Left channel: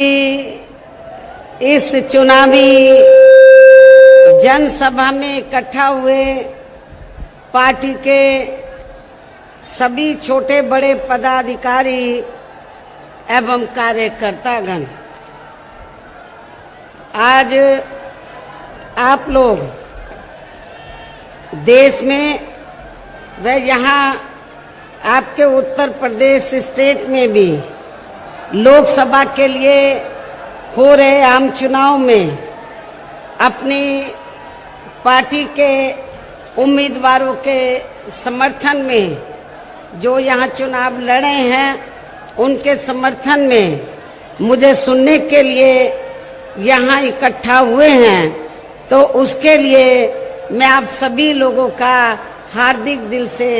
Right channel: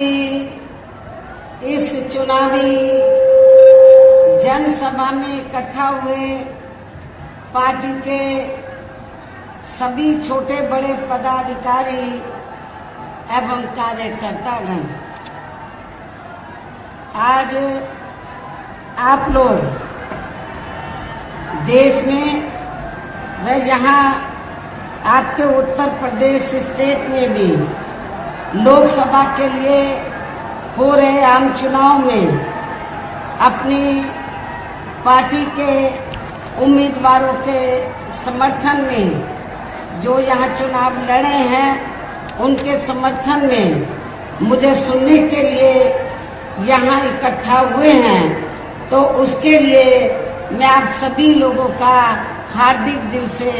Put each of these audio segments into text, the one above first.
इस चुनावी जनसभा में इकट्ठा हुए पार्टी के सभी छोटे बड़े पदाधिकारी एवं कार्यकर्तागण, आज आप लोग देश में व यहाँ आपके उत्तर प्रदेश स्टेट में भी लोकसभा के लिए हो रहे आम चुनाव में अपनी पार्टी के उम्मीदवारों के समर्थन में जो यहाँ चुनाव लड़े हैं, उनके समर्थन में मुझे सुनने के लिए यहाँ इकट्ठा हुए हैं, तो उसके लिए मैं आप सभी लोगों का हार्दिक दिल से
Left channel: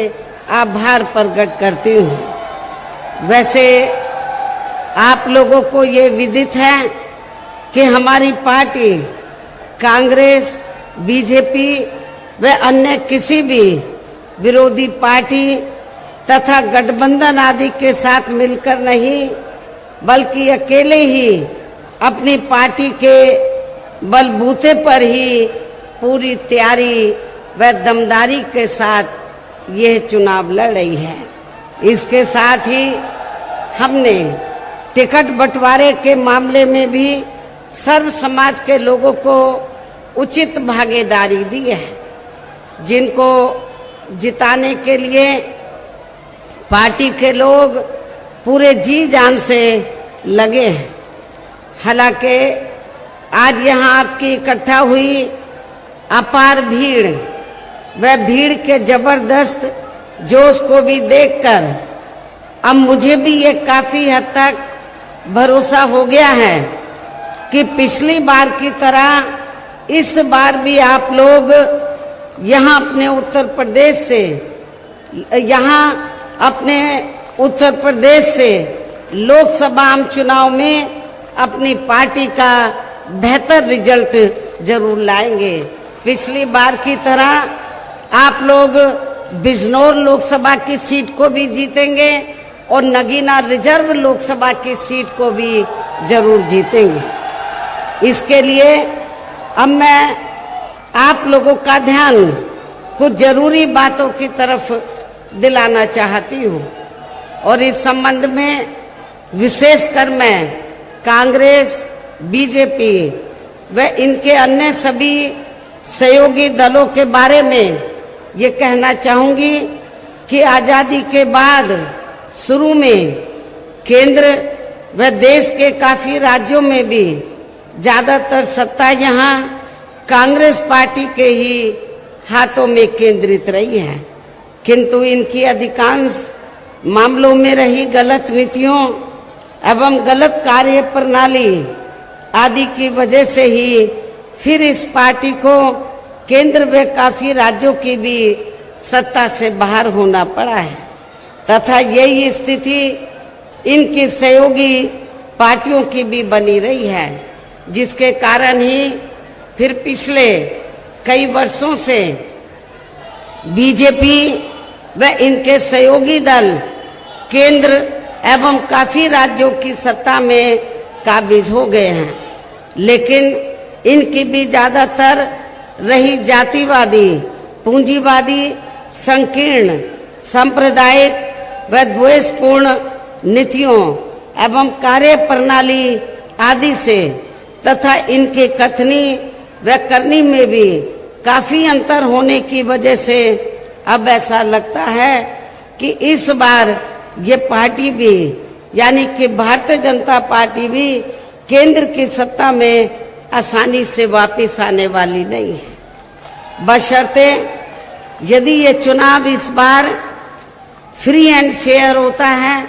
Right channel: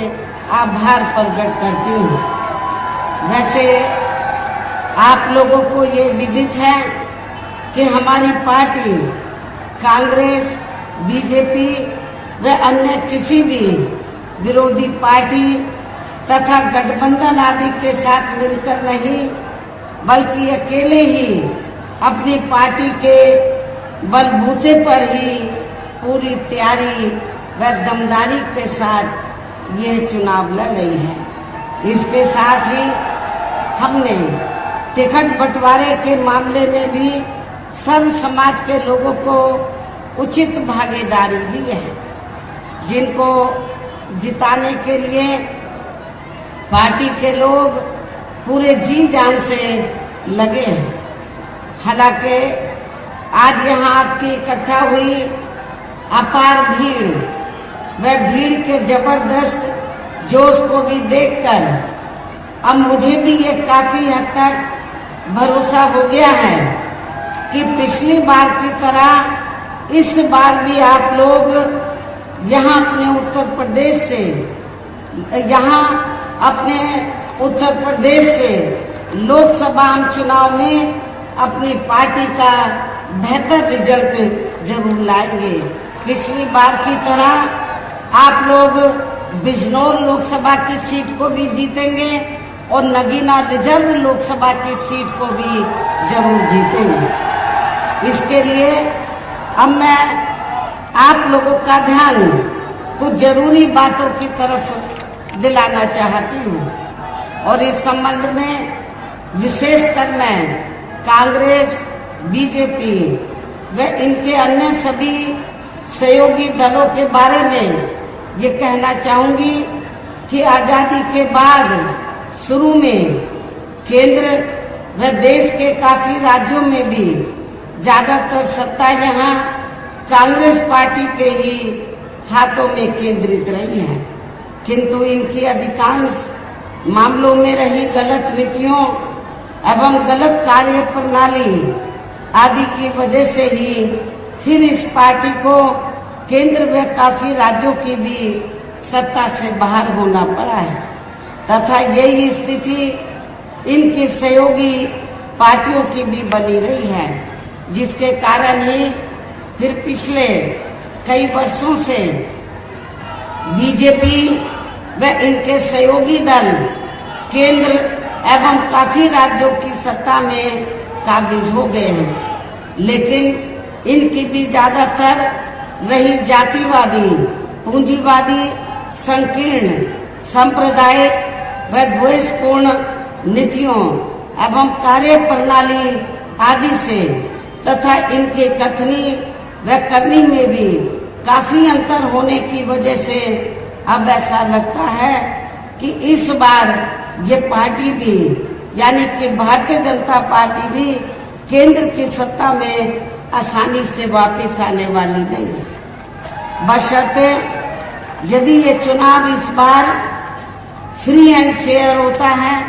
आभार प्रकट करती हूँ। वैसे आप लोगों को ये विदित है कि हमारी पार्टी कांग्रेस, बीजेपी व अन्य किसी भी विरोधी पार्टी तथा गठबंधन आदि के साथ मिलकर नहीं, बल्कि अकेले ही अपनी पार्टी के बलबूते पर ही पूरी तैयारी व दमदारी के साथ यह चुनाव लड़ रही है। इसके साथ ही हमने टिकट बंटवारे के मामले में भी सर्व समाज के लोगों को उचित भागीदारी दी है, जिनको जिताने के लिए पार्टी के लोग पूरे जी जान से लगे हैं। हालांकि आज यहाँ आपकी इकट्ठा हुई अपार भीड़ व भीड़ के जबरदस्त जोश को भी देखकर अब मुझे भी ये काफी हद तक भरोसा हो गया है कि पिछली बार की तरह इस बार भी आप लोग यहाँ अपने उत्तर प्रदेश से लोकसभा चुनाव में अपनी पार्टी का बेहतर रिजल्ट जरूर लाएंगे। पिछली बार की तरह आप लोग बिजनौर लोकसभा की सीट को भी जीतेंगे और नगीना रिजर्व लोकसभा की सीट को भी जरूर जीतेंगे। इसके लिए अब मैं आप लोगों का ध्यान कुछ जरूरी बातों की तरफ दिलाना चाहती हूँ और इस संबंध में विशेषकर मैं कांग्रेस, बीजेपी व इनके अन्य सभी सहयोगी दलों के बारे में ये कहना चाहूंगी कि आजादी के बाद शुरू में केंद्र व देश के काफी राज्यों में भी ज्यादातर सत्ता यहाँ कांग्रेस पार्टी के ही हाथों में केंद्रित रही है, किंतु इनकी अधिकांश मामलों में रही गलत नीतियों एवं गलत कार्य प्रणाली आदि की वजह से ही फिर इस पार्टी को केंद्र व काफी राज्यों की भी सत्ता से बाहर होना पड़ा है तथा यही स्थिति इनकी सहयोगी पार्टियों की भी बनी रही है, जिसके कारण ही फिर पिछले कई वर्षों से बीजेपी व इनके सहयोगी दल केंद्र एवं काफी राज्यों की सत्ता में काबिज हो गए हैं, लेकिन इनकी भी ज्यादातर रही जातिवादी, पूंजीवादी, संकीर्ण, सांप्रदायिक व द्वेषपूर्ण नीतियों एवं कार्य प्रणाली आदि से तथा इनके कथनी व करनी में भी काफी अंतर होने की वजह से अब ऐसा लगता है कि इस बार ये पार्टी भी यानी कि भारतीय जनता पार्टी भी केंद्र की सत्ता में आसानी से वापस आने वाली नहीं है, बशर्ते यदि ये चुनाव इस बार फ्री एंड फेयर होता है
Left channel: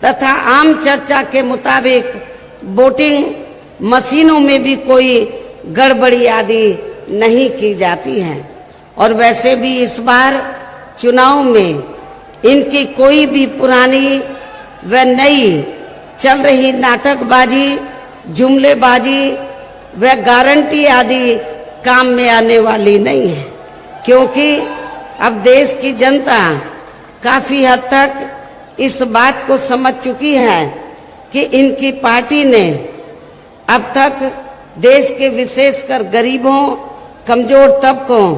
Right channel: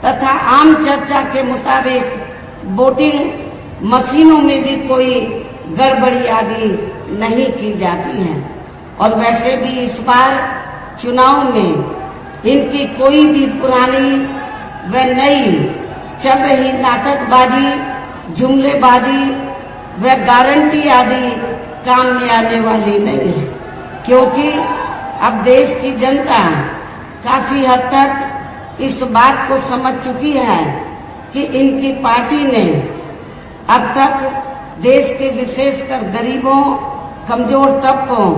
तथा आम चर्चा के मुताबिक वोटिंग मशीनों में भी कोई गड़बड़ी आदि नहीं की जाती है। और वैसे भी इस बार चुनाव में इनकी कोई भी पुरानी व नई चल रही नाटकबाजी, जुमलेबाजी व गारंटी आदि काम में आने वाली नहीं है, क्योंकि अब देश की जनता काफी हद तक इस बात को समझ चुकी है कि इनकी पार्टी ने अब तक देश के विशेषकर गरीबों, कमजोर तबकों,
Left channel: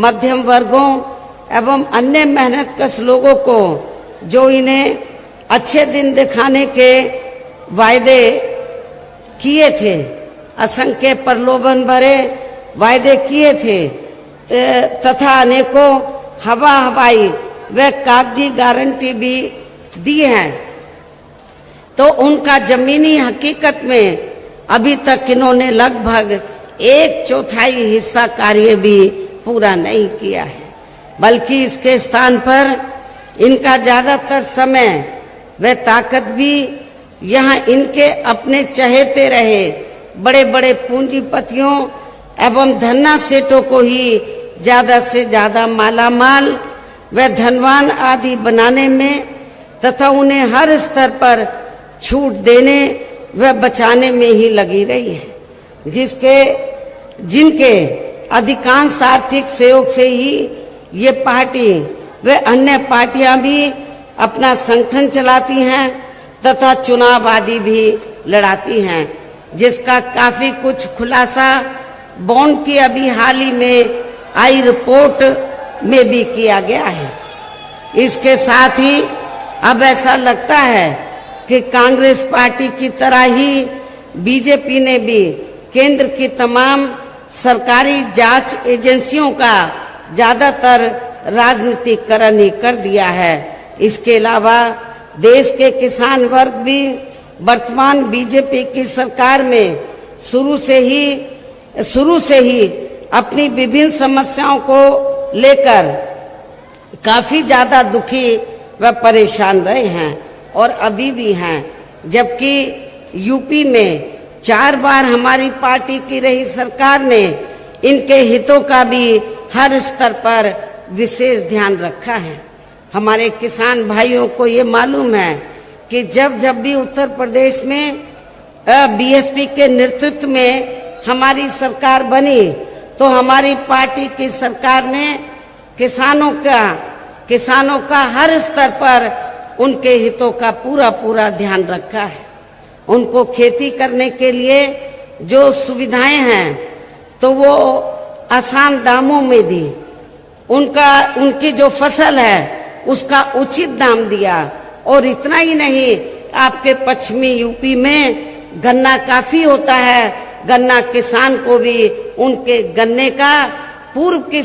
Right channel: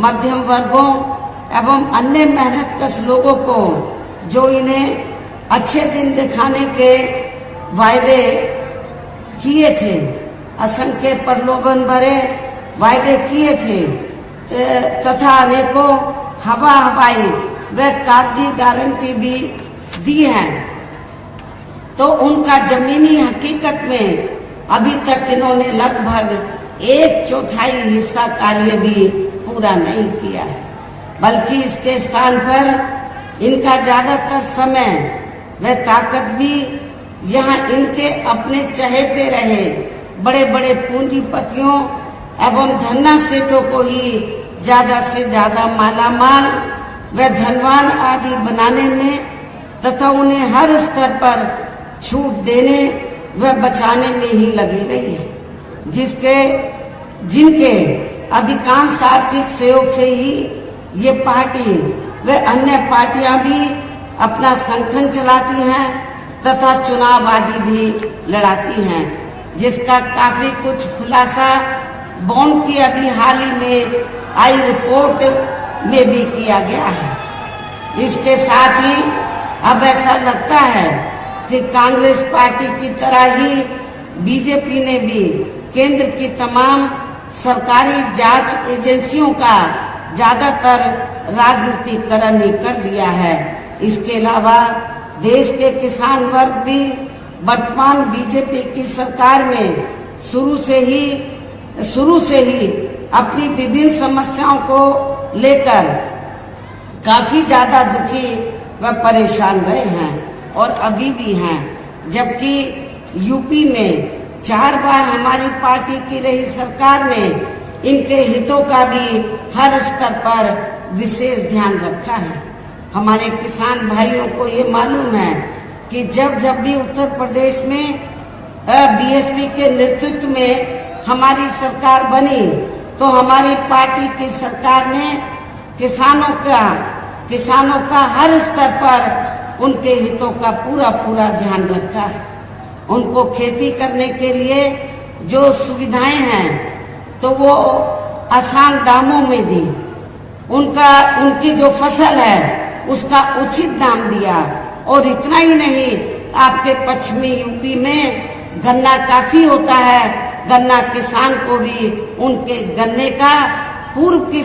मध्यम वर्गों एवं अन्य मेहनतकश लोगों को जो इन्हें अच्छे दिन दिखाने के वायदे किए थे, असंख्य प्रलोभन भरे वायदे किए थे तथा अनेकों हवाई व कागजी गारंटी भी दी है, तो उनका जमीनी हकीकत में अभी तक इन्होंने लगभग 1/4 हिस्सा कार्य भी पूरा नहीं किया है, बल्कि इसके स्थान पर इनका ज्यादातर समय व ताकत भी यहाँ इनके अपने चहेते रहे बड़े बड़े पूंजीपतियों एवं धन्ना सेठों को ही ज्यादा से ज्यादा मालामाल व धनवान आदि बनाने में तथा उन्हें हर स्तर पर छूट देने व बचाने में ही लगी रही है, जिनके अधिकांश आर्थिक सहयोग से ही ये पार्टी व अन्य पार्टियां भी अपना संगठन चलाती हैं तथा चुनाव आदि भी लड़ाती हैं, जिसका काफी कुछ खुलासा बॉन्ड की अभी हाल ही में आई रिपोर्ट में भी किया गया है। इसके साथ ही अब ऐसा लगता है कि कांग्रेस पार्टी की तरह ही बीजेपी ने भी केंद्र की तमाम सरकारी जांच एजेंसियों का ज्यादातर राजनीतिकरण ही कर दिया है। इसके अलावा देश के किसान वर्ग भी वर्तमान बीजेपी की सरकार में शुरू से ही अपनी विभिन्न समस्याओं को लेकर काफी ज्यादा दुखी व परेशान रहे हैं और अभी भी हैं, जबकि यूपी में 4 बार हमारी पार्टी की रही सरकार ने इनके हितों का भी हर स्तर पर विशेष ध्यान रखा है। हमारे किसान भाइयों को ये मालूम है कि जब भी उत्तर प्रदेश में बीएसपी के नेतृत्व में हमारी सरकार बनी तो हमारी पार्टी की सरकार ने किसानों का हर स्तर पर उनके हितों का पूरा ध्यान रखा है। उनको खेती करने के लिए जो सुविधाएं हैं तो वो आसान दामों में दी, उनकी जो फसल है उसका उचित दाम दिया, और इतना ही नहीं, आपके पश्चिमी यूपी में गन्ना काफी होता है, गन्ना किसान को भी उनके गन्ने का पूर्व की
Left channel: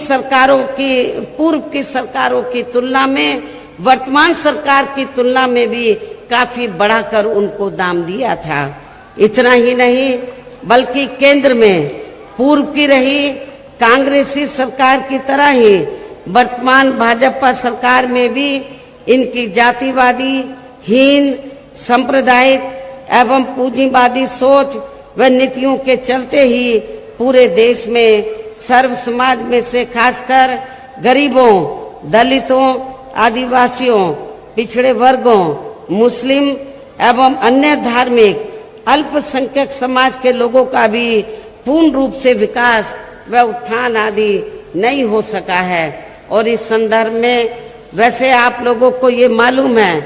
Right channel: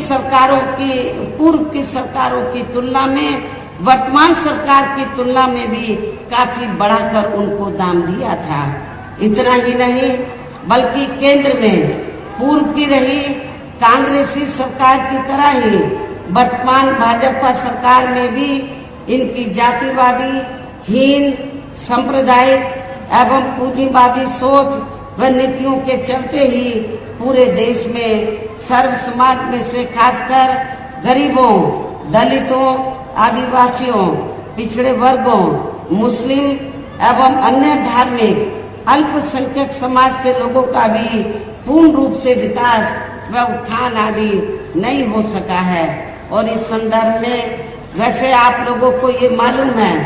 सरकारों की तुलना में वर्तमान सरकार की तुलना में भी काफी बढ़ाकर उनको दाम दिया था। इतना ही नहीं, बल्कि केंद्र में पूर्व की रही कांग्रेसी सरकार की तरह ही वर्तमान भाजपा सरकार में भी इनकी जातिवादी, हीन, सांप्रदायिक एवं पूंजीवादी सोच व नीतियों के चलते ही पूरे देश में सर्व समाज में से खासकर गरीबों, दलितों, आदिवासियों, पिछड़े वर्गों, मुस्लिम एवं अन्य धार्मिक अल्पसंख्यक समाज के लोगों का भी पूर्ण रूप से विकास व उत्थान आदि नहीं हो सका है। और इस संदर्भ में वैसे आप लोगों को ये मालूम है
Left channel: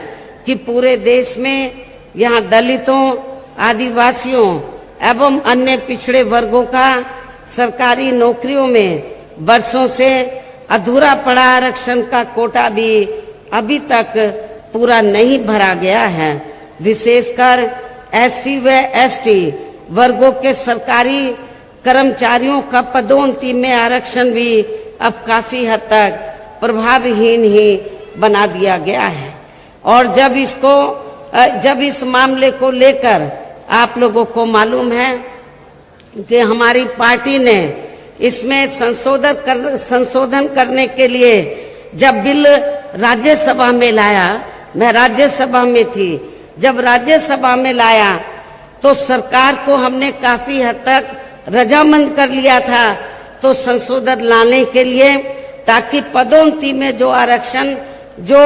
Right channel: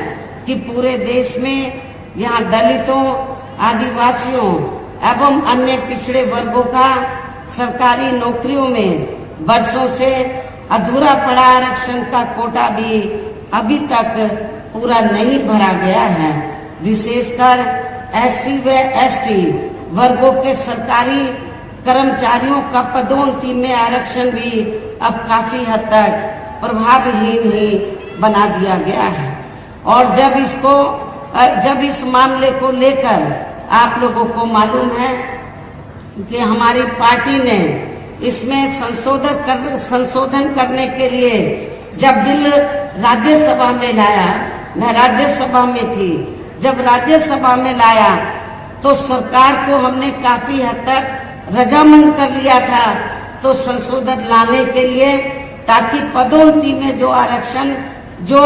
कि पूरे देश में यहाँ दलितों, आदिवासियों एवं अन्य पिछड़े वर्गों का सरकारी नौकरियों में वर्षों से अधूरा पड़ा आरक्षण का कोटा भी अभी तक पूरा नहीं भरा गया है। विशेषकर एससी व एसटी वर्गों के सरकारी कर्मचारियों का पदोन्नति में आरक्षण भी अब काफी हद तक प्रभावहीन ही बना दिया गया है। और जब इस मामले को लेकर आप लोगों को मालूम है कि हमारी पार्टी ने इसमें संशोधन करने के लिए जब बिल राज्यसभा में लाया, मैं राज्यसभा में थी, जब राज्यसभा में लाया तो सरकार को हमने काफी हद तक रजामंद कर लिया था तो संशोधन लाने के लिए, ताकि पदोन्नति में जो आरक्षण जो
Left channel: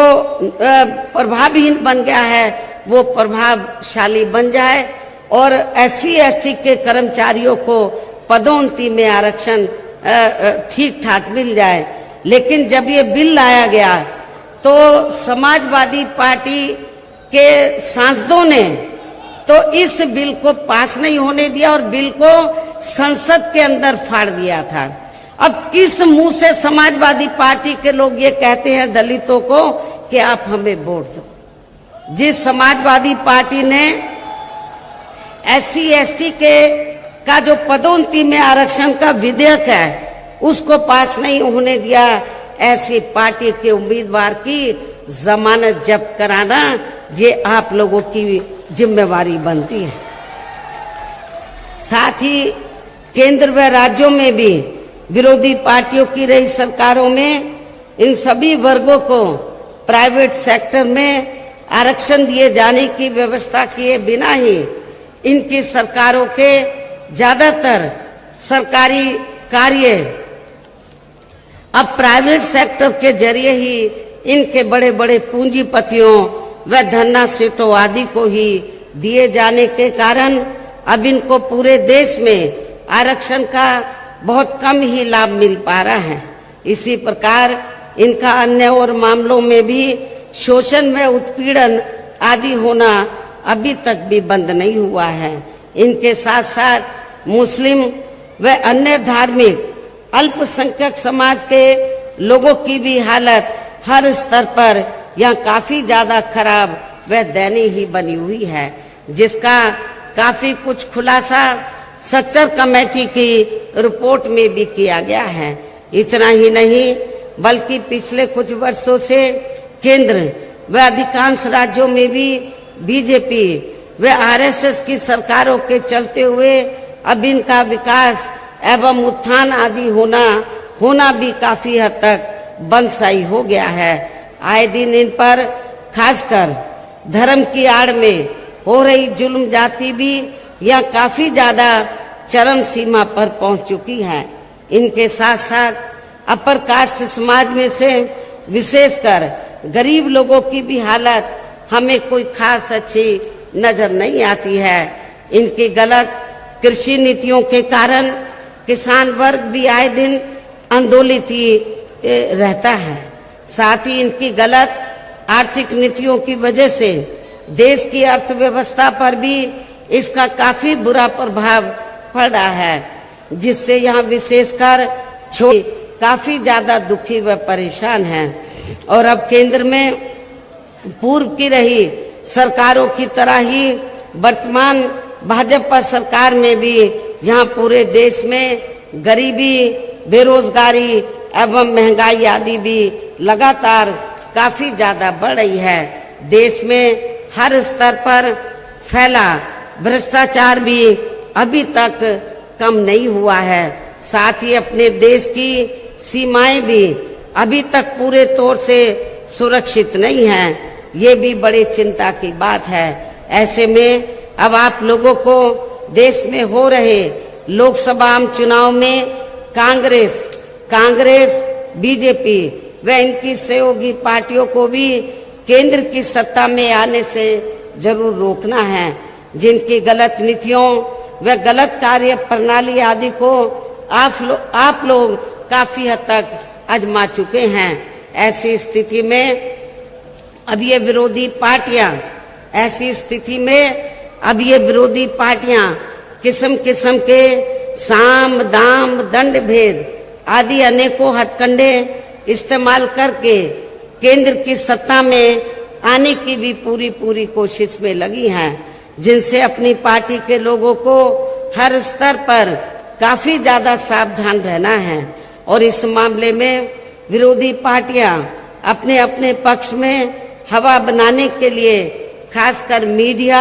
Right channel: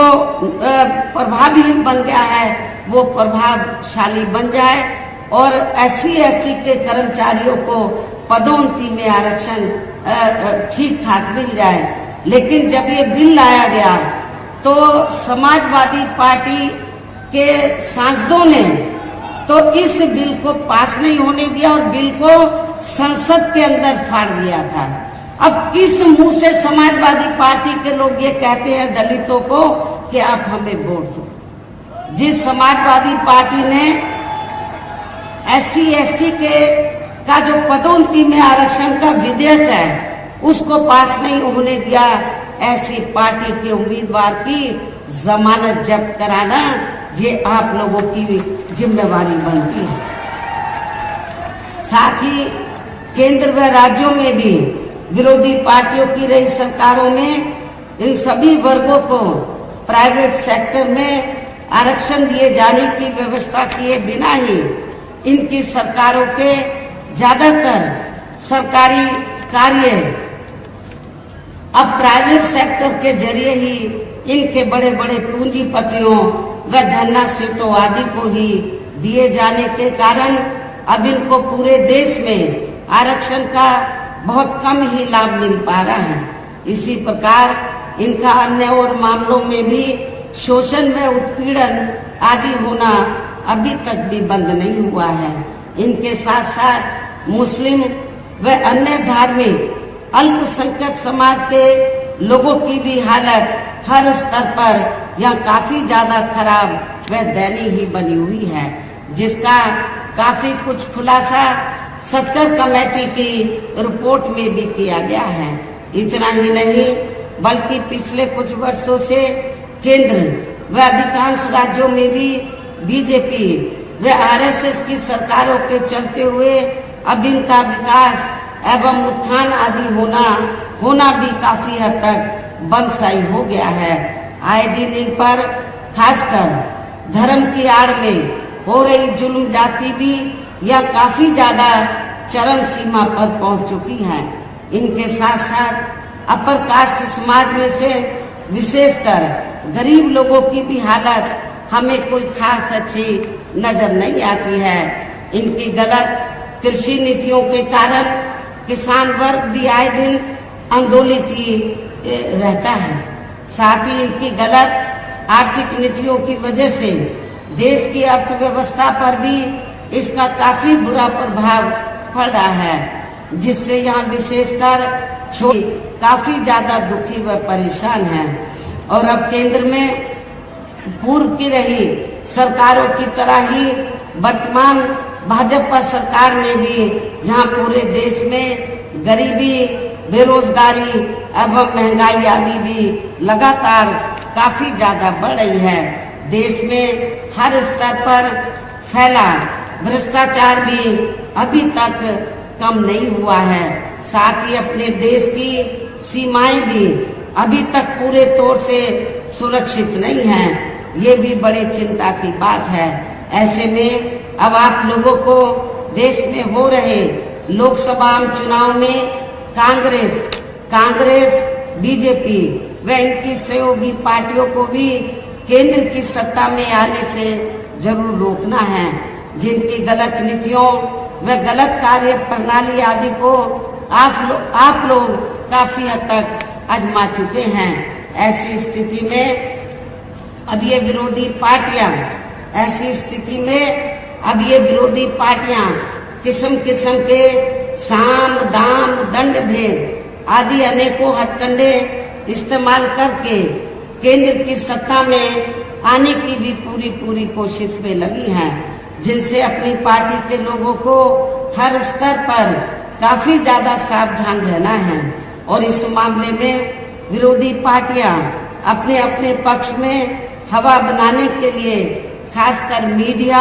प्रभावहीन बन गया है वो प्रभावशाली बन जाए और एससी एसटी के कर्मचारियों को पदोन्नति में आरक्षण ठीक ठाक मिल जाए। लेकिन जब ये बिल लाया गया तो समाजवादी पार्टी के सांसदों ने तो इस बिल को पास नहीं होने दिया और बिल को संसद के अंदर फाड़ दिया था। अब किस मुंह से समाजवादी पार्टी के लोग ये कहते हैं दलितों को कि आप हमें वोट दो? जिस समाजवादी पार्टी ने SC/ST का जो पदोन्नति में आरक्षण का विधेयक है उसको पास नहीं होने दिया, ऐसी पार्टी के उम्मीदवार की जमानत जब्त कराना ये आप लोगों की जिम्मेवारी बनती है। साथ ही केंद्र व राज्यों में भी विरोधी पार्टियों की रही सरकारों में इन सभी वर्गों को प्राइवेट सेक्टर में आरक्षण दिए जाने की व्यवस्था किए बिना ही इनकी सरकारों के ज्यादातर सरकारी कार्य अब प्राइवेट सेक्टर के जरिए ही इनके बड़े बड़े पूंजीपतियों व धन्ना सीटों आदि को ही दिए जाने के कारण अब इनको पूरे देश में आरक्षण का बहुत कम ही लाभ मिल पा रहा है। इसी प्रकार इनका अन्य और मामलों में भी शोषण व उत्पीड़न आदि होना अभी तक भी बंद नहीं हुआ है। इनके साथ साथ मुस्लिम व अन्य धार्मिक अल्पसंख्यक समाज के लोगों की भी हालत हर स्तर पर यह काफी ज्यादा खराब व दयनीय ही बनी हुई है, जिसका काफी कुछ खुलासा सच्चर कमेटी की रिपोर्ट में भी किया गया है। इतना ही नहीं बल्कि पिछले कुछ वर्षों से केंद्र व अधिकांश राज्यों में भी बीजेपी व RSS की सरकारों के चलते हुए अब इनका विकास एवं उत्थान आदि होना भी काफी हद तक बंदशाई हो गया है। आए दिन इन पर खासकर धर्म की आड़ में हो रही जुल्म जाति भी यह काफी ज्यादा चरम सीमा पर पहुंच चुकी है। इनके साथ साथ अपर कास्ट समाज में से विशेषकर गरीब लोगों की भी हालत हमें कोई खास अच्छी नजर नहीं आती है। इनकी गलत कृषि नीतियों के कारण किसान वर्ग भी आए दिन आंदोलित रहता है। साथ ही इनकी गलत आर्थिक नीतियों की वजह से देश की अर्थव्यवस्था पर भी इसका काफी बुरा प्रभाव पड़ रहा है, जिससे यहाँ विशेषकर काफी ज्यादा दुखी व परेशान हैं। और अब केंद्र में पूर्व की रही सरकारों की तरह ही वर्तमान भाजपा सरकार में भी यहाँ पूरे देश में गरीबी, बेरोजगारी एवं महंगाई आदि भी लगातार काफी ज्यादा बढ़ रही है। देश में हर स्तर पर फैला भ्रष्टाचार भी अभी तक कम नहीं हुआ है। साथ ही अपने देश की सीमाएं भी अभी तक पूरे तौर से सुरक्षित नहीं हैं। ये भी बड़ी चिंता की बात है। ऐसे में अब आप लोगों को देश में हो रहे लोकसभा चुनाव में कांग्रेस, बीजेपी व इनकी सहयोगी पार्टियों को भी केंद्र की सत्ता में आने से जरूर रोकना है। जिनकी गलत नीतियों व गलत कार्य प्रणाली आदि को आप लोग काफी हद तक आजमा चुके हैं। ऐसी स्थिति में अब ये विरोधी पार्टियां किस्म किस्म के साम, दाम, दंड भेद आदि अनेकों हथकंडे इस्तेमाल करके केंद्र की सत्ता में आने की भी पूरी कोशिश में लगी हैं, जिनसे अपनी पार्टी के लोगों को हर स्तर पर काफी ज्यादा सावधान रहना है। और इस मामले में विरोधी पार्टियां अपने अपने पक्ष में हवा बनाने के लिए खासकर मीडिया,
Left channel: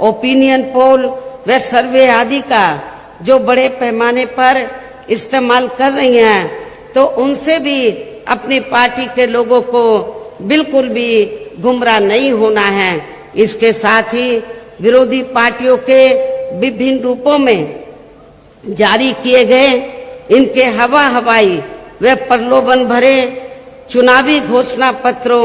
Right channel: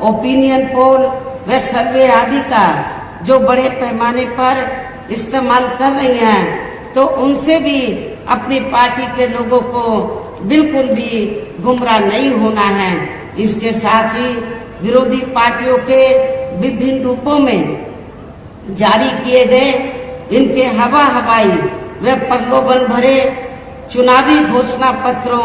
ओपिनियन पोल व सर्वे आदि का जो बड़े पैमाने पर इस्तेमाल कर रही हैं, तो उनसे भी अपनी पार्टी के लोगों को बिल्कुल भी गुमराह नहीं होना है। इसके साथ ही विरोधी पार्टियों के विभिन्न रूपों में जारी किए गए इनके हवाई व प्रलोभन भरे चुनावी घोषणा पत्रों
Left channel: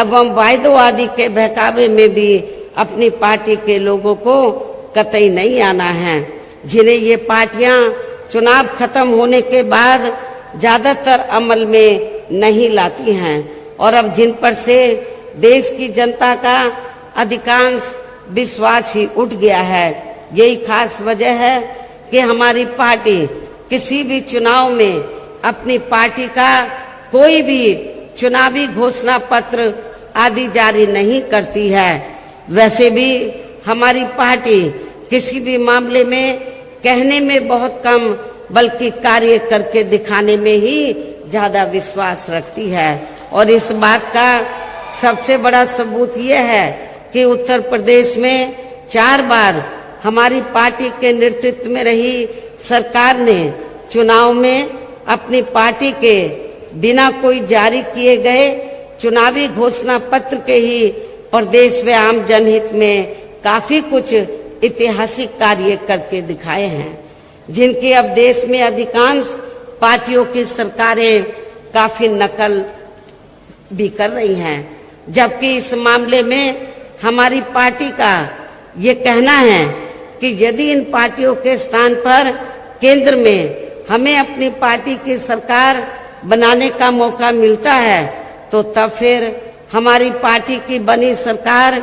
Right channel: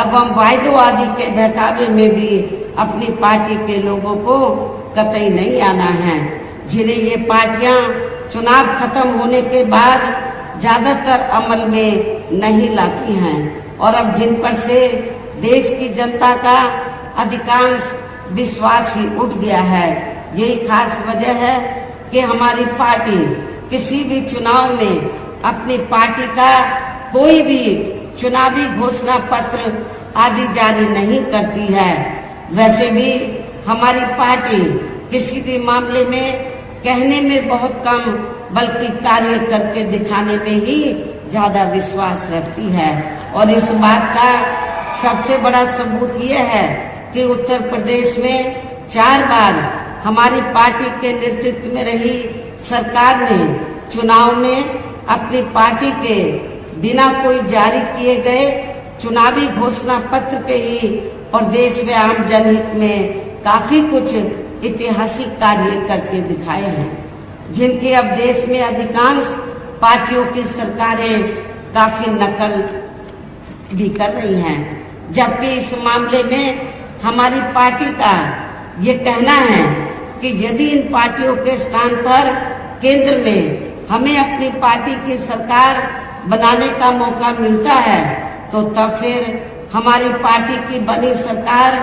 एवं वायदों आदि के बहकावे में भी अपनी पार्टी के लोगों को कतई नहीं आना है, जिन्हें ये पार्टियां चुनाव खत्म होने के बाद ज्यादातर अमल में नहीं लाती हैं। और अब जिन पर से देश की जनता का अधिकांश विश्वास ही उठ गया है। यही खास वजह है कि हमारी पार्टी किसी भी चुनाव में अपनी पार्टी का कोई भी चुनावी घोषणा पत्र आदि जारी नहीं करती है। वैसे भी हमारी पार्टी किसी भी मामले में कहने में बहुत कम बल्कि कार्य करके दिखाने में ही ज्यादा विश्वास रखती है। और इस बात का सबसे बड़ा सबूत ये है कि उत्तर प्रदेश में 4 बार हमारी पार्टी के नेतृत्व में रही सरकार ने चुनाव में अपनी पार्टी के बिना कोई जारी किए गए चुनावी घोषणा पत्र के ही प्रदेश व आम जनहित में काफी कुछ ऐतिहासिक कार्य करके दिखाए हैं, जिनकी अब देश में अधिकांश पार्टियों की सरकारें काफी नकल भी कर रही हैं। जबकि इस मामले में हमारी पार्टी का ये कहना है कि यदि इन पार्टियों के स्थान पर केंद्र में हमें अपनी पार्टी की सरकार बनाने का मौका मिलता है तो तब फिर हमारी पार्टी की बनी सरकार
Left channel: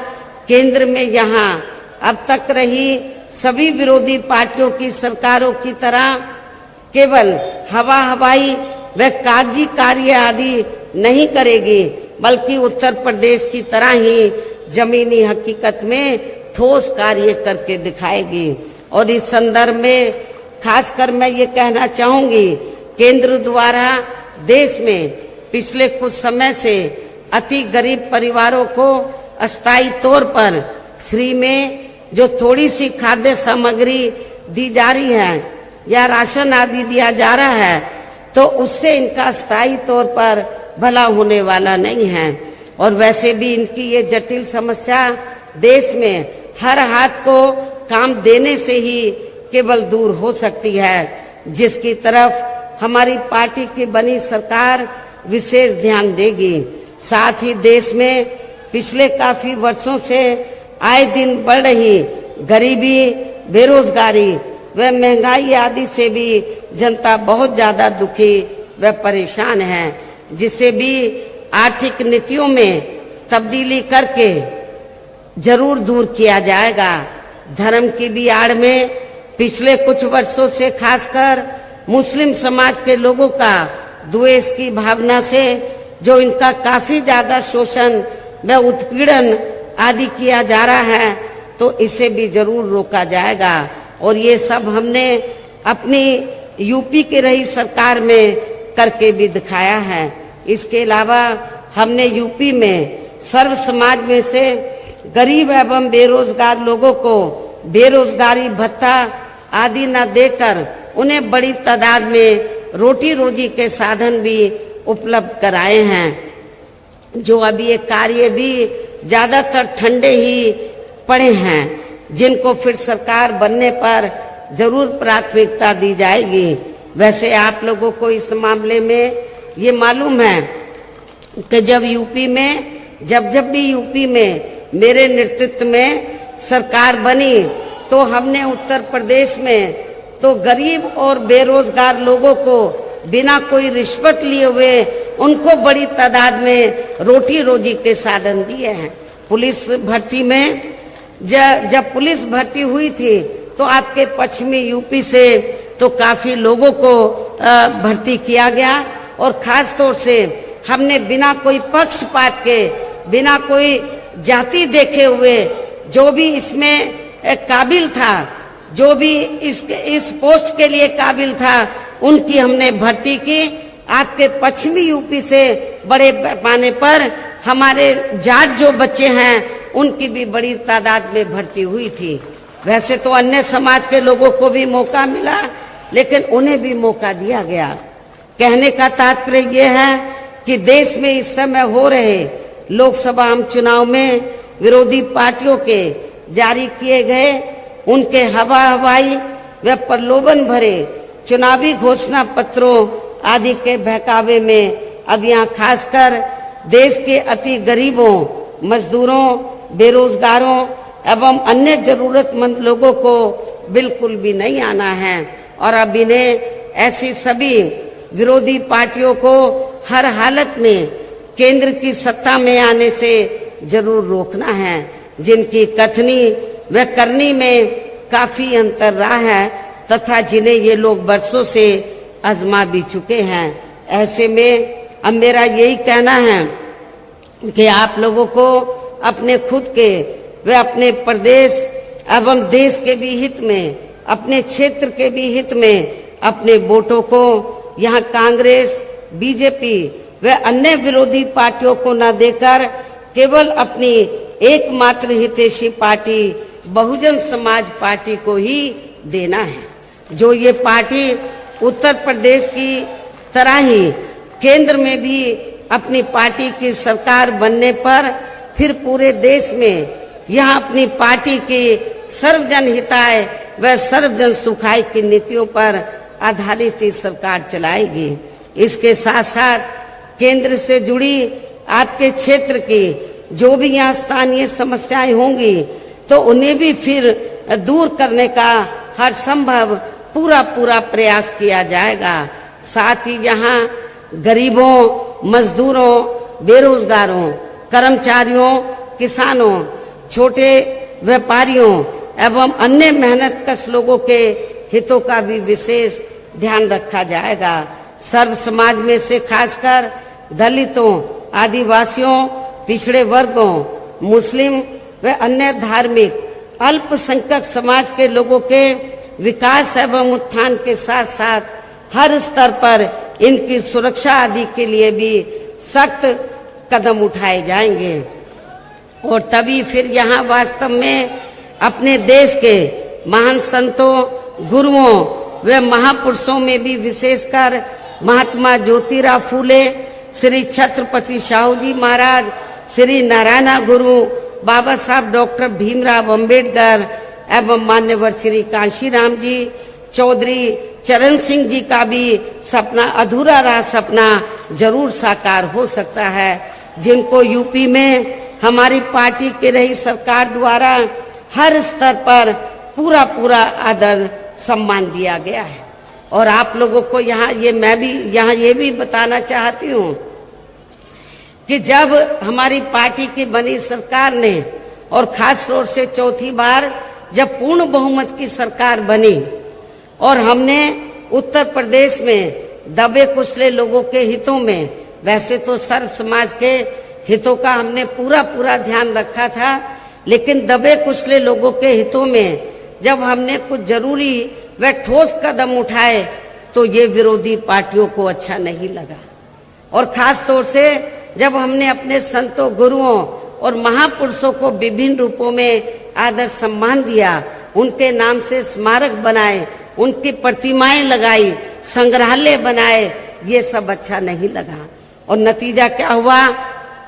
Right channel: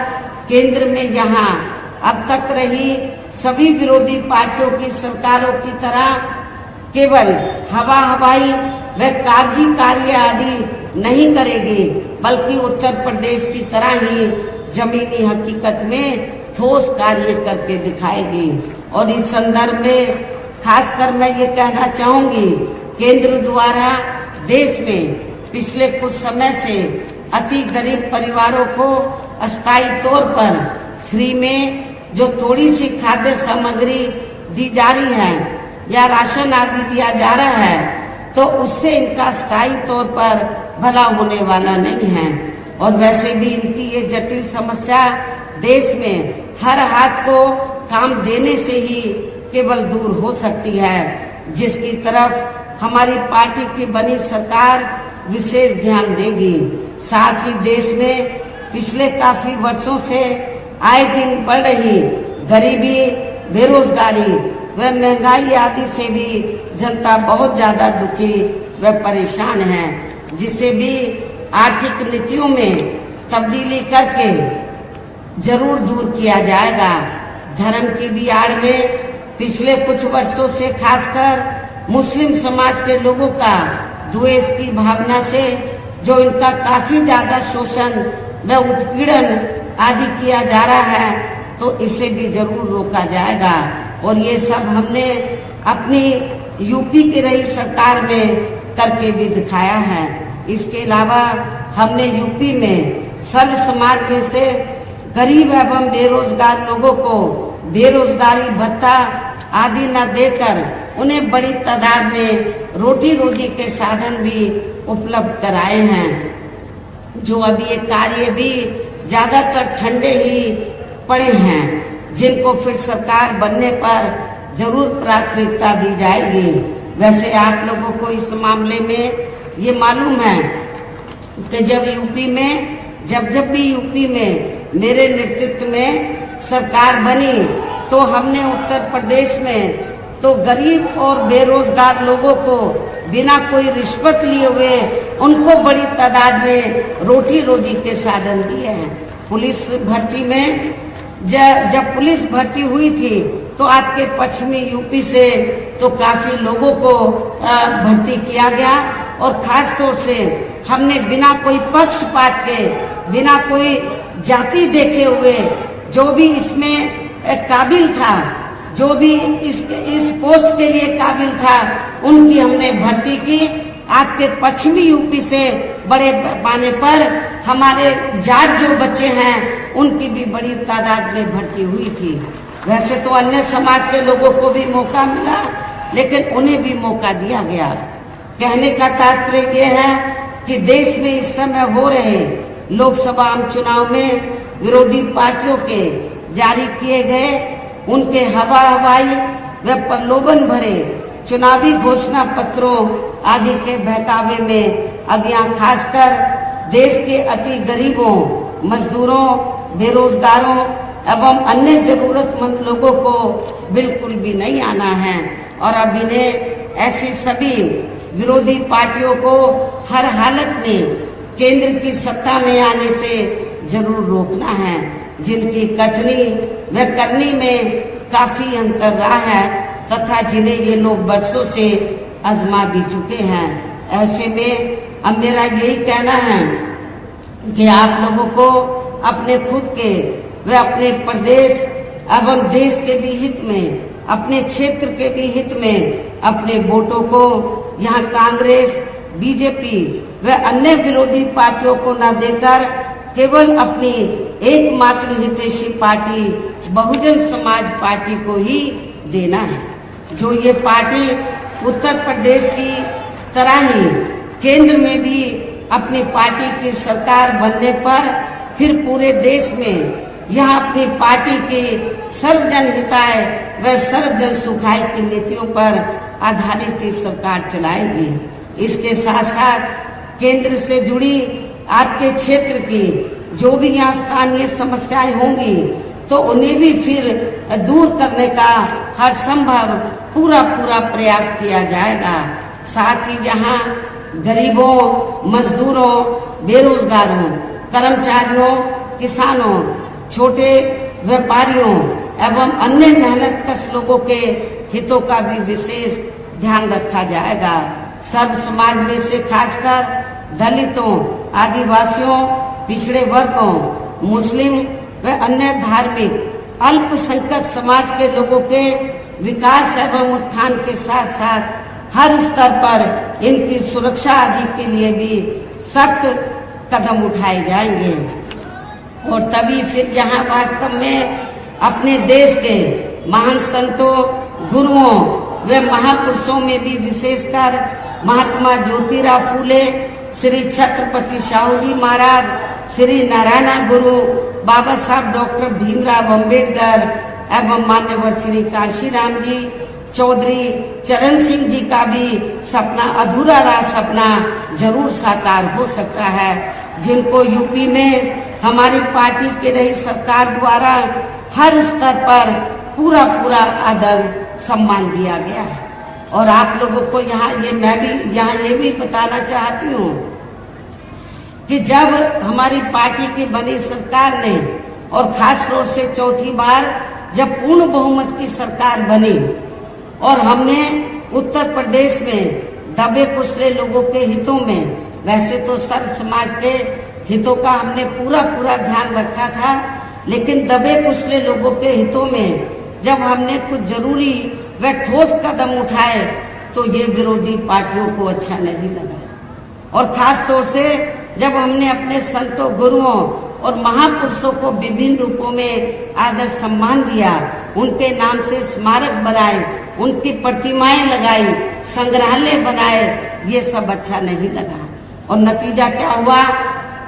केंद्र में यहाँ अब तक रही सभी विरोधी पार्टियों की सरकारों की तरह केवल हवाई व कागजी कार्य आदि नहीं करेगी, बल्कि उत्तर प्रदेश की तरह ही जमीनी हकीकत में ठोस कार्य करके दिखाएगी। और इस संदर्भ में खासकर मैं ये कहना चाहूंगी, केंद्र द्वारा देश में पिछले कुछ समय से अति गरीब परिवारों को अस्थायी तौर पर फ्री में जो थोड़ी सी खाद्य सामग्री दी जा रही है या राशन आदि दिया जा रहा है, तो उससे इनका स्थायी तौर पर भला होने वाला नहीं है। और वैसे भी इनकी ये जटिल समस्या देश में हर हाथ को काम देने से ही केवल दूर हो सकती है, जिसकी तरफ हमारी पार्टी की बनी सरकार विशेष ध्यान देगी। साथ ही देश में पिछले काफी वर्षों से आए दिन बढ़ रही गरीबी, बेरोजगारी व महंगाई आदि से भी जनता बहुत ज्यादा दुखी व परेशान है, जिसे भी आर्थिक नीतियों में तब्दीली करके जरूर दूर किया जाएगा। धर्म की भी आड़ में पिछले कुछ वर्षों से खासकर मुस्लिम समाज के लोगों का द्वेष की भावना से जो इनका काफी ज्यादा शोषण व उत्पीड़न आदि किया जा रहा है, तो इसे भी जरूर रोका जाएगा। और ये सब हमने अपनी यूपी की रही सरकार में करके भी दिखाया है। इसके अलावा हमने यूपी में सर्व समाज में से गरीब एवं बेरोजगार लोगों को बेरोजगारी भत्ता आदि न देकर उन्हें बड़ी तादाद में रोटी रोजी के साधन भी उपलब्ध कराए हैं। जो अभी ये कार्य भी ज्यादातर ठंडे ही पड़े हैं, जिनको फिर सरकार बनने पर जरूर प्राथमिकता दी जाएगी। वैसे आप लोगों को इस मामले में ये मालूम है कि जब भी यूपी में मेरे नेतृत्व में सरकार बनी, तो हमने उत्तर प्रदेश में तो गरीब और बेरोजगार लोगों को बिना कोई रिश्वत लिए हुए उनको बड़ी तादाद में रोटी रोजी के साधन दिए हैं। पुलिस भर्ती में जब पुलिस भर्ती हुई थी तो आपके पश्चिमी यूपी से तो काफी लोगों को भर्ती किया गया, और खास तौर से हमने बिना कोई पक्षपात के, बिना कोई जाति देखे हुए जो भी इसमें काबिल था, जो भी इस पोस्ट के लिए काबिल था, उनकी हमने भर्ती की। आपके पश्चिमी यूपी से बड़े पैमाने पर हमारे जाट जो बच्चे हैं उनकी भी बड़ी तादाद में भर्ती हुई थी। वैसे तो अन्य समाज के लोगों को भी मौका मिला, लेकिन उन्हें भी मौका दिया गया। कहने का तात्पर्य यह है कि देश में इस समय हो रहे लोकसभा चुनाव में विरोधी पार्टियों के जारी किए गए उनके हवाई व प्रलोभन भरे चुनावी घोषणा पत्रों आदि के बहकावे में अब यहाँ खासकर देश के अति गरीबों, मजदूरों, बेरोजगारों एवं अन्य जरूरतमंद लोगों को बिल्कुल भी नहीं आना है। और अब इन्हें ऐसी सभी विरोधी पार्टियों को हर हालत में केंद्र की सत्ता में आने से जरूर रोकना है। जिनकी कथनी व करनी में काफी अंतर रहा है तथा जिन्हें ये लोग बरसों से आजमा भी चुके हैं। ऐसे में अब मेरा यही कहना है कि आप लोगों को अपने खुद के व अपने प्रदेश एवं देश के भी हित में, अपने क्षेत्र के भी हित में अपने वोटों को यहाँ कांग्रेस, बीजेपी व अन्य विरोधी पार्टियों को न देकर केवल अपनी एकमात्र हितैषी पार्टी बहुजन समाज पार्टी को ही देना है। जो ये पार्टी उत्तर प्रदेश की तरह ही केंद्र में भी अपनी पार्टी की सरकार बनने पर फिर पूरे देश में यह अपनी पार्टी की सर्वजन हिताय व सर्वजन सुखाय की नीतियों पर आधारित सरकार चलाएगी। इसके साथ साथ केंद्र से जुड़ी आपके क्षेत्र की जो भी यहाँ स्थानीय समस्याएं होंगी तो उन्हें भी फिर दूर करने का हर संभव पूरा प्रयास किया जाएगा। साथ ही यहाँ गरीबों, मजदूरों, बेरोजगारों, कर्मचारियों, किसानों, छोटे व्यापारियों एवं अन्य मेहनतकश लोगों के हितों का भी विशेष ध्यान रखा जाएगा। सर्व समाज में से खासकर दलितों, आदिवासियों, पिछड़े वर्गों, मुस्लिम व अन्य धार्मिक अल्पसंख्यक समाज के लोगों के विकास एवं उत्थान के साथ साथ हर स्तर पर इनकी सुरक्षा आदि के लिए भी सख्त कदम उठाए जाएंगे और तभी फिर यहाँ वास्तव में अपने देश के महान संतों, गुरुओं व महापुरुषों में भी विशेषकर महात्मा ज्योतिराव फूले, श्री छत्रपति शाहू जी महाराज, श्री नारायण गुरु, बाबा साहब डॉक्टर भीमराव अंबेडकर एवं मान्यवर श्री कांशीराम जी, चौधरी चरण सिंह जी का भी सपना अधूरा रहा सपना जरूर साकार हो सकता है, जिनको यूपी में हमारी पार्टी के रही सरकार द्वारा हर स्तर पर पूरा आदर सम्मान दिया गया है। और आप लोगों को मैं भी यहाँ ये भी बताना चाहती हूँ कि जब हमारी पार्टी की बनी सरकार ने और खास तौर से चौथी बार जब पूर्ण बहुमत की सरकार बनी और हमने उत्तर प्रदेश में दबे कुचले लोगों के हितों में, वैसे तो सर्व समाज के हितों का हमने पूरा ध्यान रखा था, लेकिन दबे कुचले लोगों के हितों में जब हमने कुछ जरूरी व ठोस कदम उठाए तो ये विरोधी पार्टियों को अच्छा नहीं लगा। और खास तौर से जब हमने अपने संतों, गुरुओं और महापुरुषों को विभिन्न रूपों में आदर सम्मान दिया, उनके नाम से स्मारक बनाए, उनकी प्रतिमाएं लगाई, संग्रहालय बनाए, ये सब अच्छा नहीं लगा। और नतीजा क्या हुआ,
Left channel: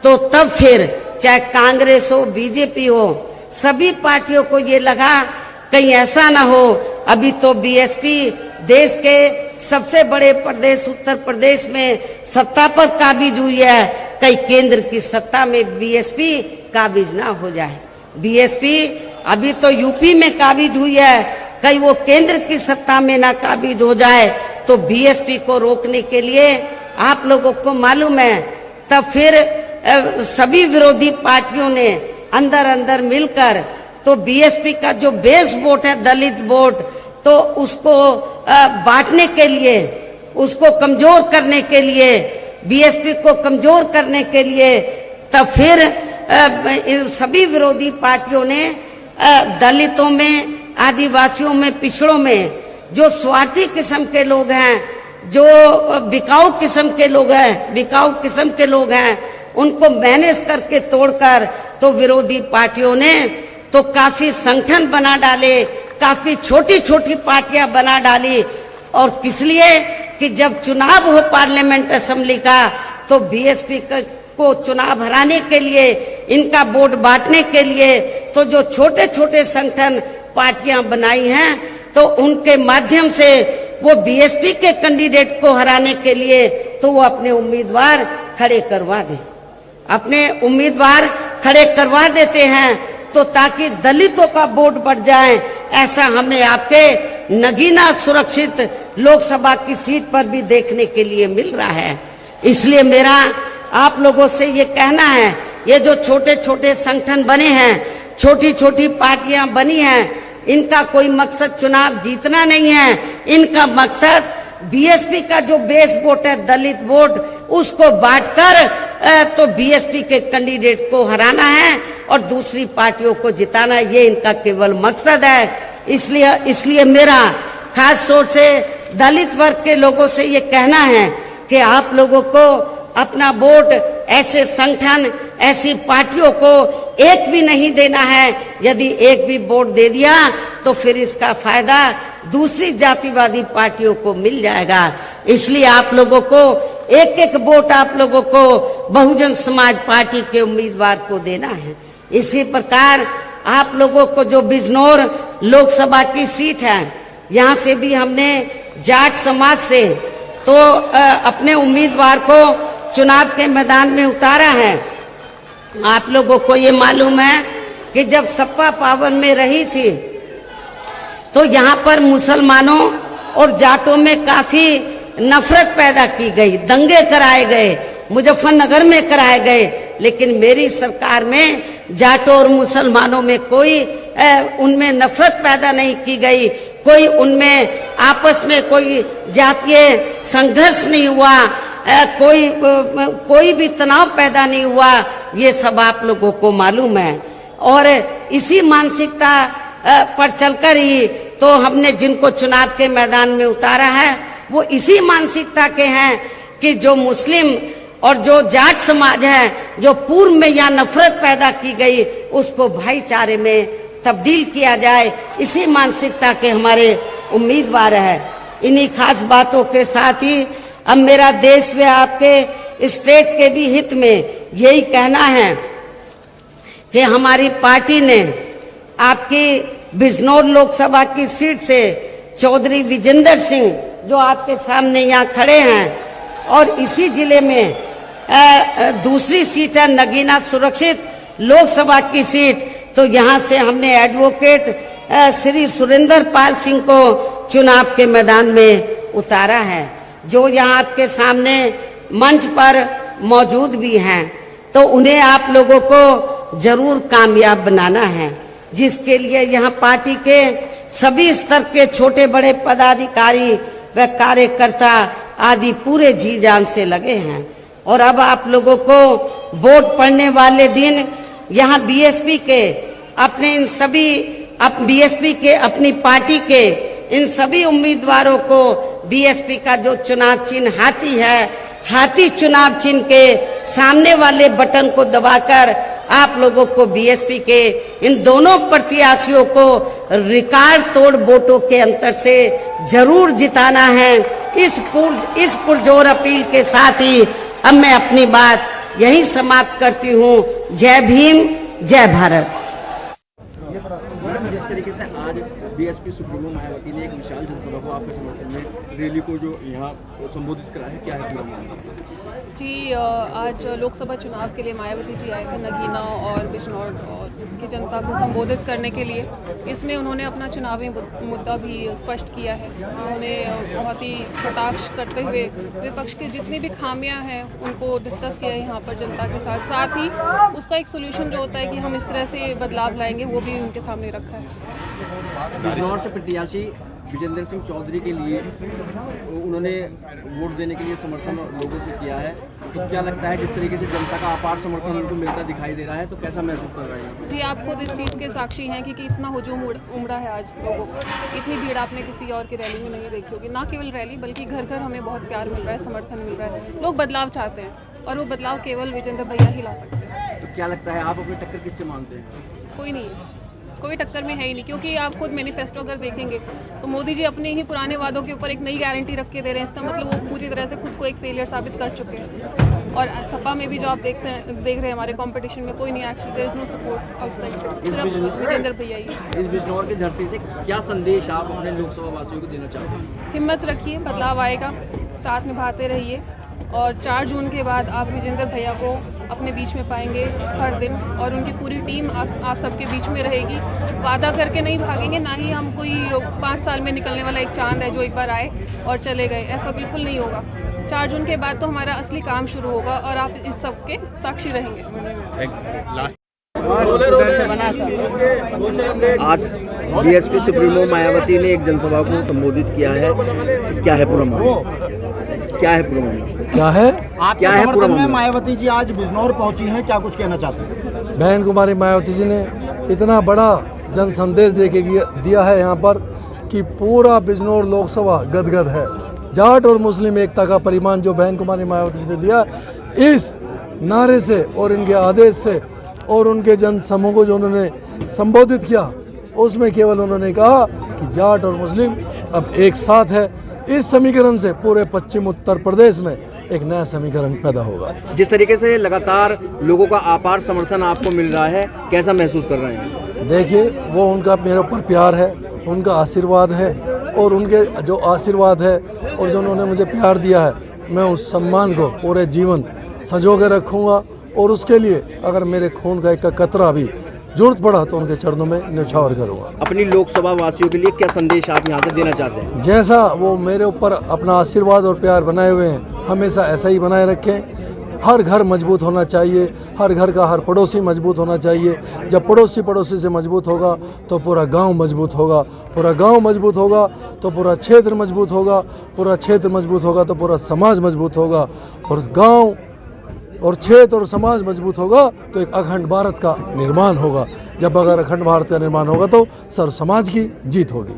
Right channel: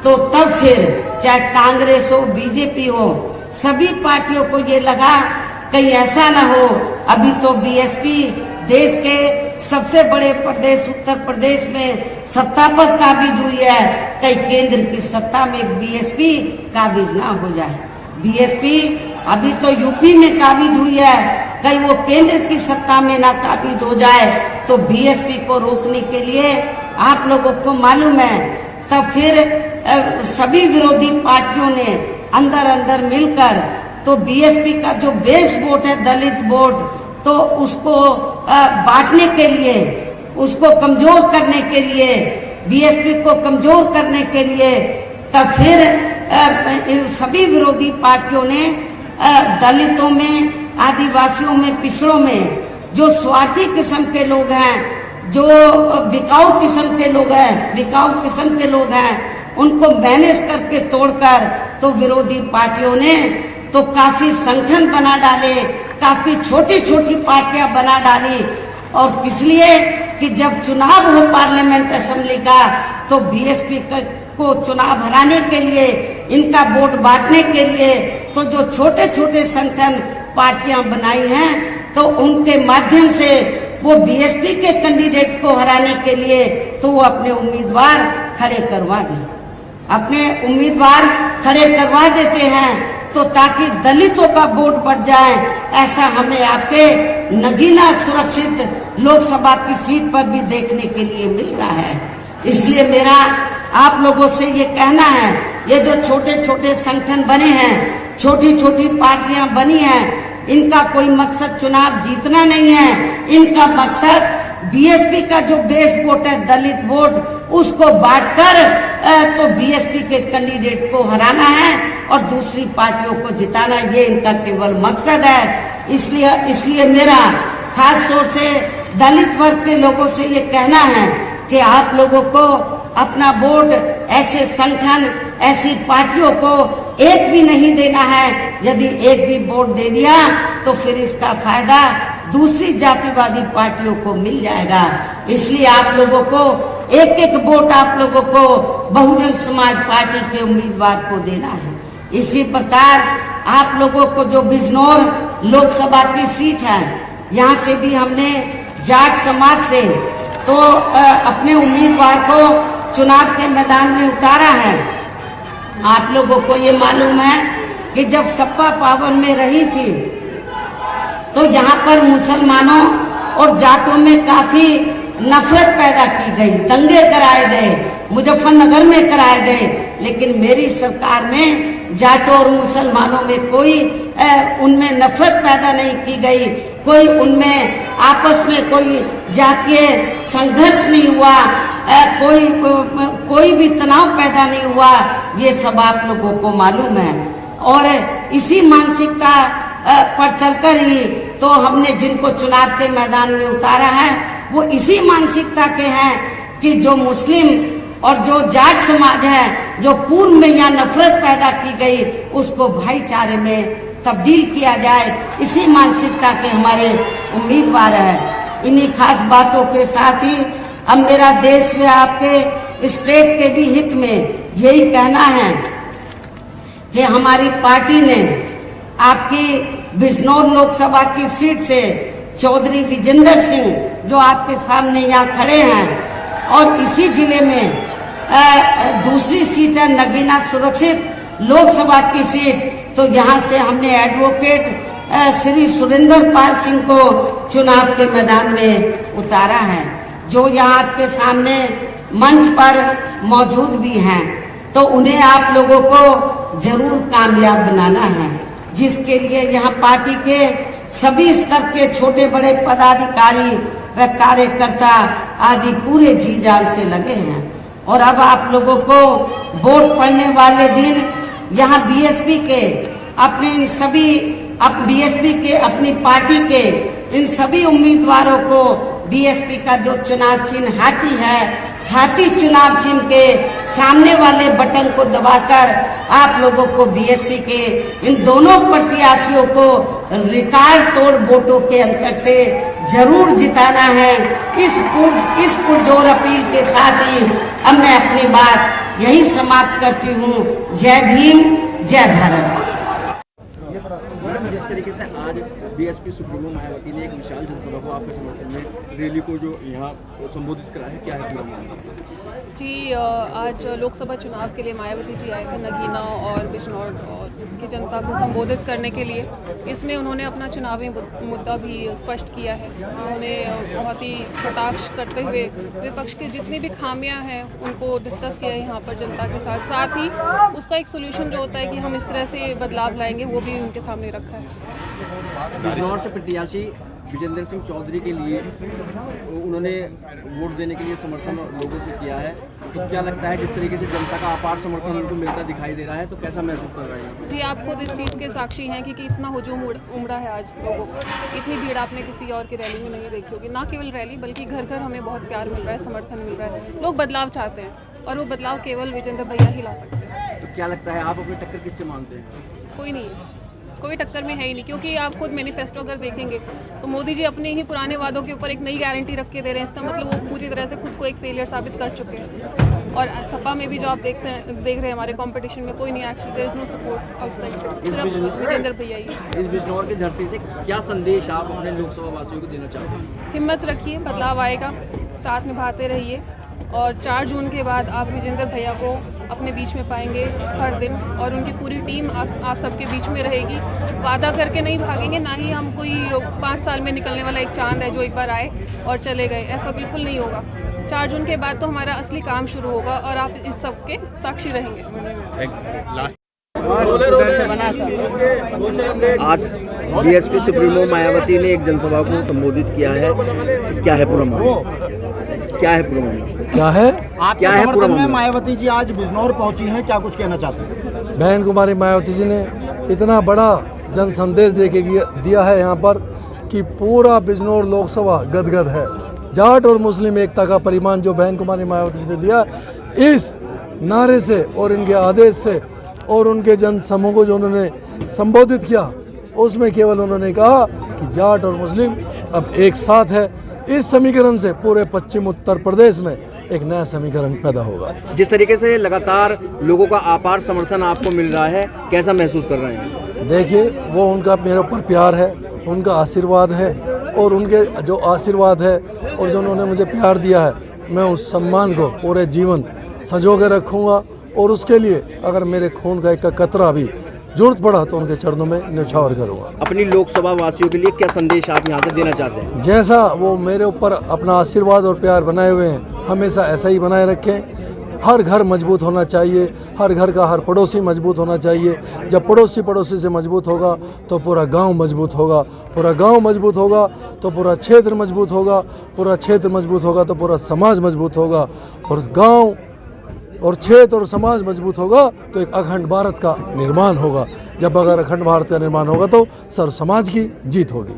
तो तब फिर चाहे कांग्रेस हो, बीजेपी हो, सभी पार्टियों को ये लगा कहीं ऐसा ना हो अभी तो बीएसपी देश के सबसे बड़े प्रदेश उत्तर प्रदेश में सत्ता पर काबिज हुई है, कहीं केंद्र की सत्ता में बीएसपी काबिज ना हो जाए। बीएसपी अभी तो यूपी में काबिज हुई है, कहीं वो केंद्र की सत्ता में ना काबिज हो जाए। तो बीएसपी को रोकने के लिए आप लोगों को मालूम है तब फिर सभी विरोधी पार्टियों ने अंदर मिलकर तो बीएसपी का जो बेस वोट है, दलित वोट, तो उसको बांटने के लिए, उसको कमजोर करने के लिए, बीएसपी को कमजोर करने के लिए तब फिर सभी विरोधी पार्टियों ने दलितों में, आदिवासियों में, पिछड़ों में जो स्वार्थी किस्म के लोग हैं, जो बिकाऊ किस्म के लोग हैं, उनको मैनेज करके तोड़कर तो विरोधी पार्टियों ने तो काफी संगठन बना डाले, काफी छोटी पार्टियां बना डाली। और किस लिए कि जब चुनाव हो पार्लियामेंट असेंबली का तो बीएसपी को चुनाव हराने के लिए, इनका वोट बांटने के लिए तो जो छोटे संगठन पार्टियां बनाई हैं तो उनके माध्यम से वो बीएसपी के कैंडिडेट को हराने के लिए तो वो अपने उम्मीदवार खड़े करवा देते हैं तो ताकि दलितों का वोट बढ़ जाए। ऐसा हमें आपके नगीना सुरक्षित लोकसभा की सीट पर भी देखने के लिए मिल रहा है। इसलिए मेरा आप लोगों से ये कहना है, ये जो छोटे संगठन बने हैं छोटी छोटी पार्टियां बनी हैं, इनका कोई मकसद चुनाव जीतना नहीं है। इनका मकसद बीएसपी का जो बेस वोट है, दलित वोट, उसको बांटकर तो बीएसपी के कैंडिडेट को हराना है और दूसरी पार्टियों को जिताना, ये इनका केवल मकसद है। इसलिए मेरा खास तौर से दलित वर्ग के लोगों से ये कहना है कि आप लोगों को अपना वोट ऐसे संगठन, ऐसी पार्टियों को एक भी नहीं देना है। यदि एक भी वोट दे दिया तो फिर इसका फायदा दूसरी जातिवादी पार्टियों को मिल जाएगा। इसलिए आप लोगों को एक एक वोट आप लोगों को बहुजन समाज पार्टी के उम्मीदवार को देना है। इसी प्रकार आप लोगों को जो बिजनौर लोकसभा की सीट है, यहाँ से भी हमने जाट समाज से तो अपने उम्मीदवार को चुनाव के मैदान में उतारा है। आप लोगों को ये मालूम है कि जब सपा पावर में रही थी तो यहाँ पर मुसलमानों और जाटों में काफी नफरत पैदा की गई, दंगे कराए गए, मुजफ्फरनगर में कराए गए। लेकिन मेरी सरकार में जाटों और मुसलमानों में कोई उनमें नफरत पैदा नहीं की गई, कोई उनमें आपस में कोई जातीय संघर्ष नहीं हुआ, कोई भी तनाव पैदा नहीं हुआ। ये सब आप लोगों को मालूम है। और इसी मानसिकता पर चलकर ही तो हमने जिनको चुनाव के मैदान में उतारा है वो इसी मानसिकता के हैं कि जो मुस्लिम और जो जाट समाज है, जो पूर्व में यहाँ नफरत पैदा की गई, उसको भाईचारे में तब्दील किया जाए। इसी मानसिकता के हमारे उम्मीदवार है। इन्हीं खास बातों के साथ ही अब मेरा देश में आपके स्टेट के भी हित में यही कहना है कि हमारी पार्टी ने आपकी बिजनौर लोकसभा की सीट से चौधरी विजेंद्र सिंह, जो आपके सामने यहाँ खड़े हैं, और इसी जिले में दूसरी सीट है नगीना सुरक्षित लोकसभा की सीट, तो यहाँ से हमने एडवोकेट श्री सुरेंद्र पाल सिंह को चुनाव के मैदान में उतारा है, जो यहाँ आपके सामने मंच पर मौजूद भी हैं। तो उन्हें आप लोगों को जरूर कामयाब बनाना है, जिसके लिए यहाँ पार्टी के सभी स्तर के छोटे बड़े पदाधिकारी व कार्यकर्ता आदि पूरे जी जान से लगे हैं। और अब आप लोगों को वोट पड़ने वाले दिन यहाँ बीएसपी के अपने इन सभी बीएसपी के अपनी पार्टी के इन सभी उम्मीदवारों को बीएसपी का जो चुनाव चिन्ह हाथी है, हाथी चुनाव चिन्ह के सामने वाले बटन को दबाकर आप लोगों को बीएसपी के इन दोनों प्रत्याशियों को रिकॉर्ड तोड़ वोटों के अंतर से जरूर जिताना है। इस पुरजोर अपील के साथ ही अब मैं अपनी बात यही समाप्त करती हूँ। जय भीम, जय भारत। जिस तरीके से आज बीएसपी सुप्रीमो मायावती ने एक विशाल जनसभा को आपके समर्थन में रैली को जो यहाँ संबोधित करा है, क्या है जी? आज लोकसभा चुनाव के लिए मायावती जी आए थे नगीना और बिजनौर की जनता को संबोधित करने के लिए। इसमें उन्होंने अपना चुनावी मुद्दा भी स्पष्ट किया है। उन्होंने बहुत ही कटाक्ष करते हुए विपक्ष की जितनी भी खामियां हैं उनको डिस्कस किया है यहाँ पर जनता के साथ। साथ ही उसका एक सोल्यूशन जो होता है कि हम इस तरह से बदलाव लाएंगे, वो भी उनके सामने रखा है। बिजनौर से प्रत्याशी विजेंद्र सिंह चौधरी के लिए उन्होंने वोट देने के लिए समर्थन लोगों से किया है, तो क्या लगता है जिस तरीके से जनता का अपार समर्थन उनको मिलता दिखाई दे रहा है, तो कैसा महसूस कर रहे हैं? जी, आप खुद इस चीज़ के साक्षी हैं कि इतना हुजूम उमड़ा है आज लोगों को। इतनी भीड़ आपने किसी और की रैली में नहीं देखी होगी। ना केवल रैली बल्कि घर घर हमें बहुत प्यार मिल रहा है, समर्थन मिल रहा है। लोग बदलाव चाहते हैं और वो बदलाव केवल विजेंद्र भैया ही ला सकते हैं। तो क्या लगता है आप अपनी टक्कर किससे मानते हैं? कोई नहीं, कोई टक्कर में है ही नहीं, क्योंकि आप खुद मैनिफेस्टो अगर देखेंगे तो मोदी जी अपने ही पुराने वादों के ऊपर एक नई गारंटी रख के दे रहे हैं। इसका मतलब वो पूरी तरह से खुद को एक फेलियर साबित कर चुके हैं। और सपा में भी जो आप देख रहे हैं हमारे कंपटीशन में कोई नहीं, actually there is no support outside, सिर्फ विजेंद्र भैया ही। इस बिजनौर की धरती से क्या संदेश आप अपने लोकसभा वासियों को देना चाहते हैं? हिम्मत रखिए, बदलाव आएगा, साथ निभाते रहिए। और 4 जून के बाद आप विजेंद्र भैया को अपने बीच में पाएंगे हर दिन, और उनकी पूरी टीम आप सबके बीच में रहेगी। वादा करके नहीं भागेंगे, ना ही हम कोई 5 साल में निकलने वाला एक चांद है जो एक बार आए और चले गए, ऐसा बिल्कुल नहीं होगा। 4 जून के बाद तो हमारा असली काम शुरू होगा और आप इस सब के साक्षी रहेंगे। आज बीएसपी सुप्रीमो मायावती ने एक जनसभा को संबोधित किया है। क्या है पूरा मामला? क्या है पूरा मामला? क्या है? क्या है पूरा मामला? मायावती जी आज बिजनौर पहुंची हैं, क्या कुछ कहना चाहते हैं? बहन कुमारी मायावती जी ने इतना बड़ा जन संदेश दे के दिया है यहाँ पर कि पूरा बिजनौर लोकसभा गदगद है। जाट और मुस्लिम एकता का परिमाण जो बहन कुमारी मायावती जी ने दिया, इस नारे से और इनके आदेश से और उनके जन समूह को जो उन्होंने संबोधित किया, उसमें केवल उन्होंने कहा कि जाट और मुस्लिम अब एक साथ है। इस समीकरण से पूरे पश्चिम उत्तर प्रदेश में एक नया समीकरण पैदा होगा। जिस तरीके से लगातार लोगों का अपार समर्थन आपको मिल रहा है, कैसा महसूस कर रहे हैं? देखिए, वो उनका मेरे ऊपर प्यार है, उनका आशीर्वाद है, और उनके जो आशीर्वाद है और जो उन्होंने मुझे प्यार दिया है, मैं उस सम्मान को पूरे जीवन संजो के रखूँगा। और उसके लिए अगर मेरे खून का एक कतरा भी जरूरत पड़ा तो उनके चरणों में न्यौछावर करूँगा। अपनी लोकसभा वासियों के लिए क्या संदेश आप यहाँ से देना चाहते हैं? जैसा वो मेरे ऊपर अपना आशीर्वाद और प्यार बनाए हुए हैं, हमेशा ऐसा ही बनाए रखें। हर घर मजबूत होना चाहिए, हर घर का हर पड़ोसी मजबूत होना चाहिए। जब पड़ोसी से मजबूत होगा तो पूरा गांव मजबूत होगा, पूरा गांव मजबूत होगा तो पूरा क्षेत्र मजबूत होगा, पूरा क्षेत्र मजबूत होगा तो पूरा समाज मजबूत होगा, और गांव और क्षेत्र और समाज मजबूत होगा तो एक अखंड भारत का निर्माण होगा। जब अगर अखंड भारत का निर्माण होगा तो सर्व समाज की जीत होगी।